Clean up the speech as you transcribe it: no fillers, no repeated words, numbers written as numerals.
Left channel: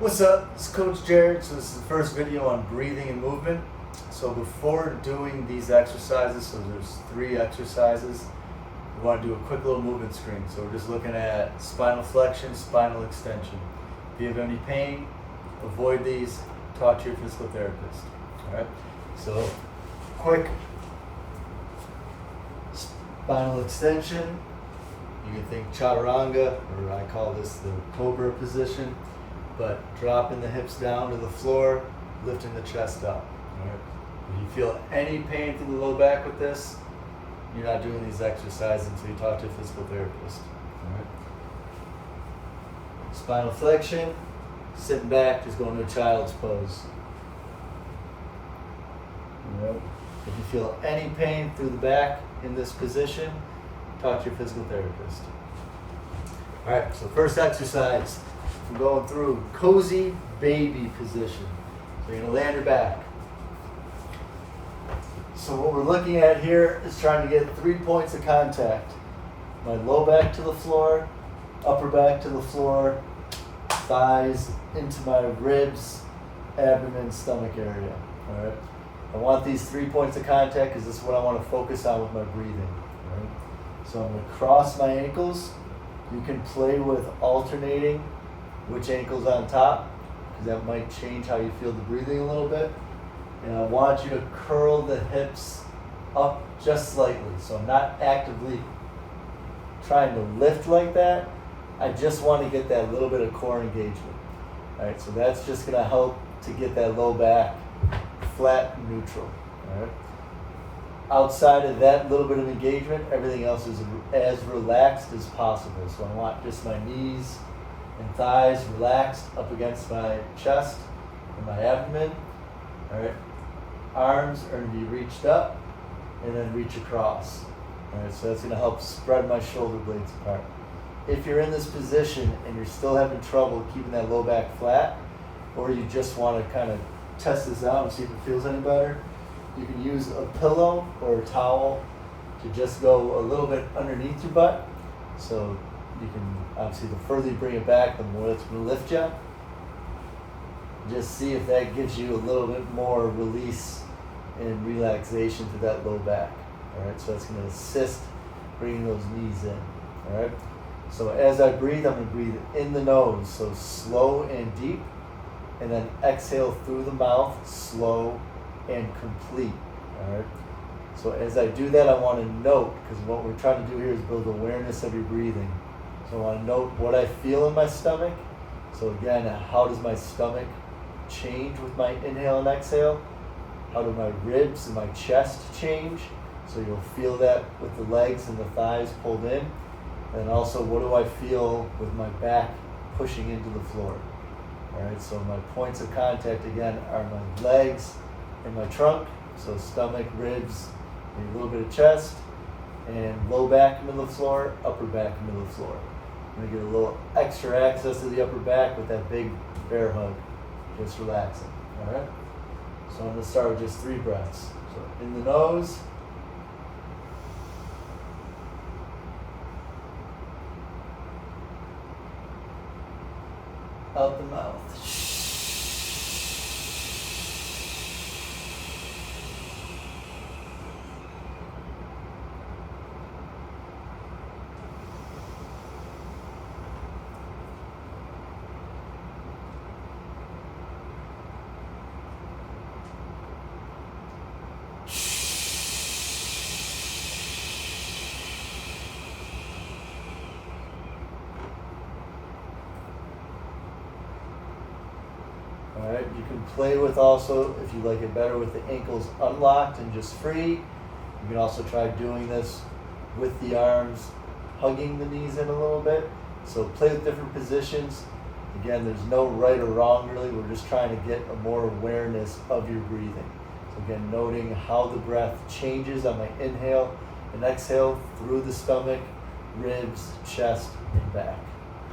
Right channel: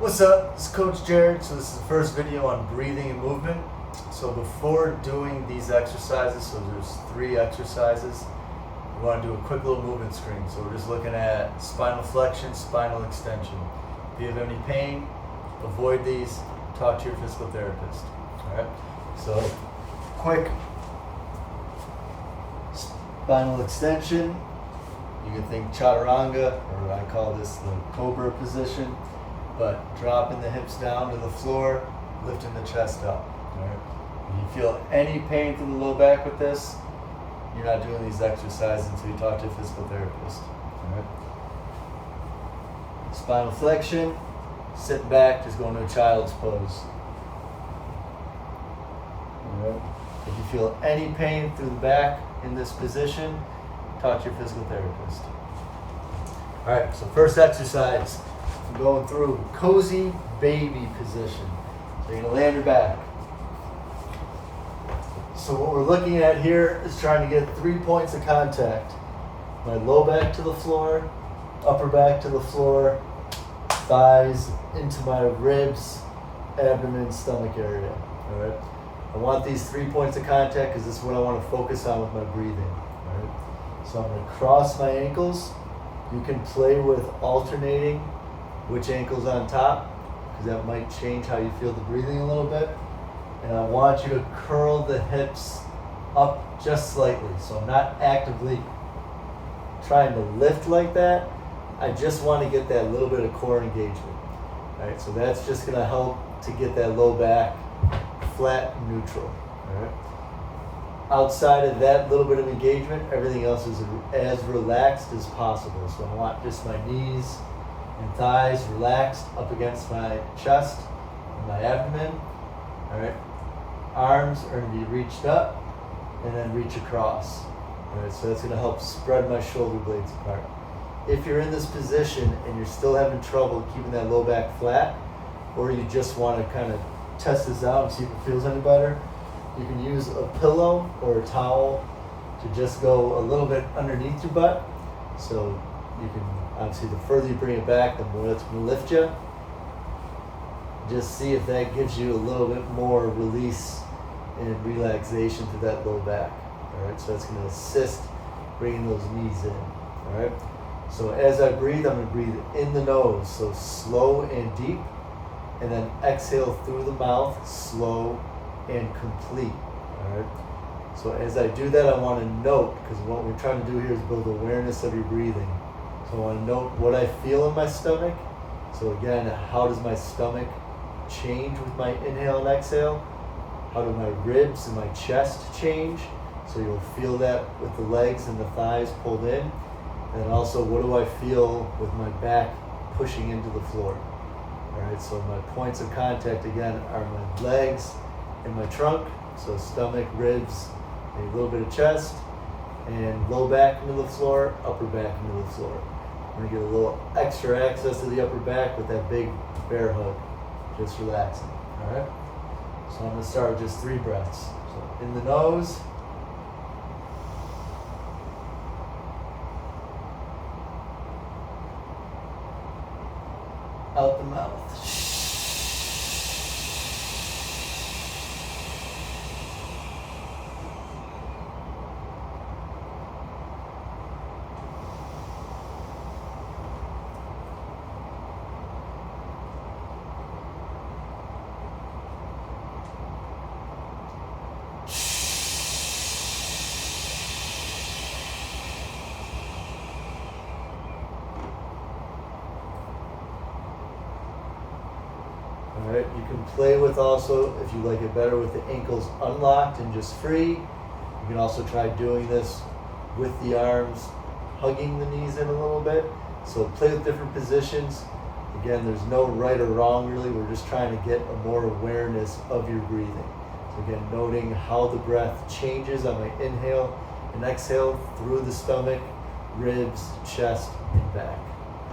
What's up? It's Coach Jared. So this is the first video on breathing and movement. So before doing these exercises, so there's 3 exercises, we want to do a quick little movement screen. So we're just looking at spinal flexion, spinal extension. If you have any pain, avoid these, talk to your physical therapist. All right? So quick spinal extension. You can think chaturanga, or I call this the cobra position. But dropping the hips down to the floor, lifting the chest up. All right? If you feel any pain through the low back with this, you're not doing these exercises until you talk to a physical therapist. All right? Spinal flexion, sitting back, just going to a child's pose. All right? If you feel any pain through the back in this position, talk to your physical therapist. All right, so first exercise. I'm going through cozy baby position. You're going to lay on your back. So what we're looking at here is trying to get 3 points of contact. My low back to the floor, upper back to the floor, thighs into my ribs, abdomen, stomach area. All right. I want these 3 points of contact because this is what I want to focus on with my breathing. All right. So I'm going to cross my ankles. You can play with alternating which ankle's on top, because that might change how you feel the breathing a little bit. And I want you to curl the hips up just slightly. So I'm not actively trying to lift like that. I just want to get that little bit of core engagement. All right, so that's just going to help to get that low back flat and neutral. All right. Outside of that little bit of engagement, everything else is as relaxed as possible. So I want just my knees and thighs relaxed up against my chest and my abdomen. All right. Arms are going to be reached up and then reach across. All right. So that's going to help spread my shoulder blades apart. If you're in this position and you're still having trouble keeping that low back flat, or you just want to kind of test this out and see if it feels any better, you can use a pillow or a towel to just go a little bit underneath your butt. So you can, obviously, the further you bring it back, the more that's going to lift you. Just see if that gives you a little bit more release and relaxation to that low back. All right, so that's going to assist bringing those knees in. All right, so as I breathe, I'm going to breathe in the nose, so slow and deep, and then exhale through the mouth, slow and complete. All right, so as I do that, I want to note, because what we're trying to do here is build awareness of your breathing. So I want to note what I feel in my stomach. So again, how does my stomach change with my inhale and exhale? How do my ribs and my chest change? So you'll feel that with the legs and the thighs pulled in. And also, what do I feel with my back pushing into the floor? All right, so my points of contact again are my legs and my trunk. So stomach, ribs, maybe a little bit of chest, and low back, middle of the floor, upper back, middle of the floor. I'm gonna get a little extra access to the upper back with that big bear hug, just relaxing. All right. So I'm gonna start with just 3 breaths. So in the nose, out the mouth. All right, you can play with also, if you like it better, with the ankles unlocked and just free. You can also try doing this with the arms, hugging the knees in a little bit. So play with different positions. Again, there's no right or wrong really. We're just trying to get a more awareness of your breathing. So again, noting how the breath changes on my inhale and exhale through the stomach, ribs, chest, and back.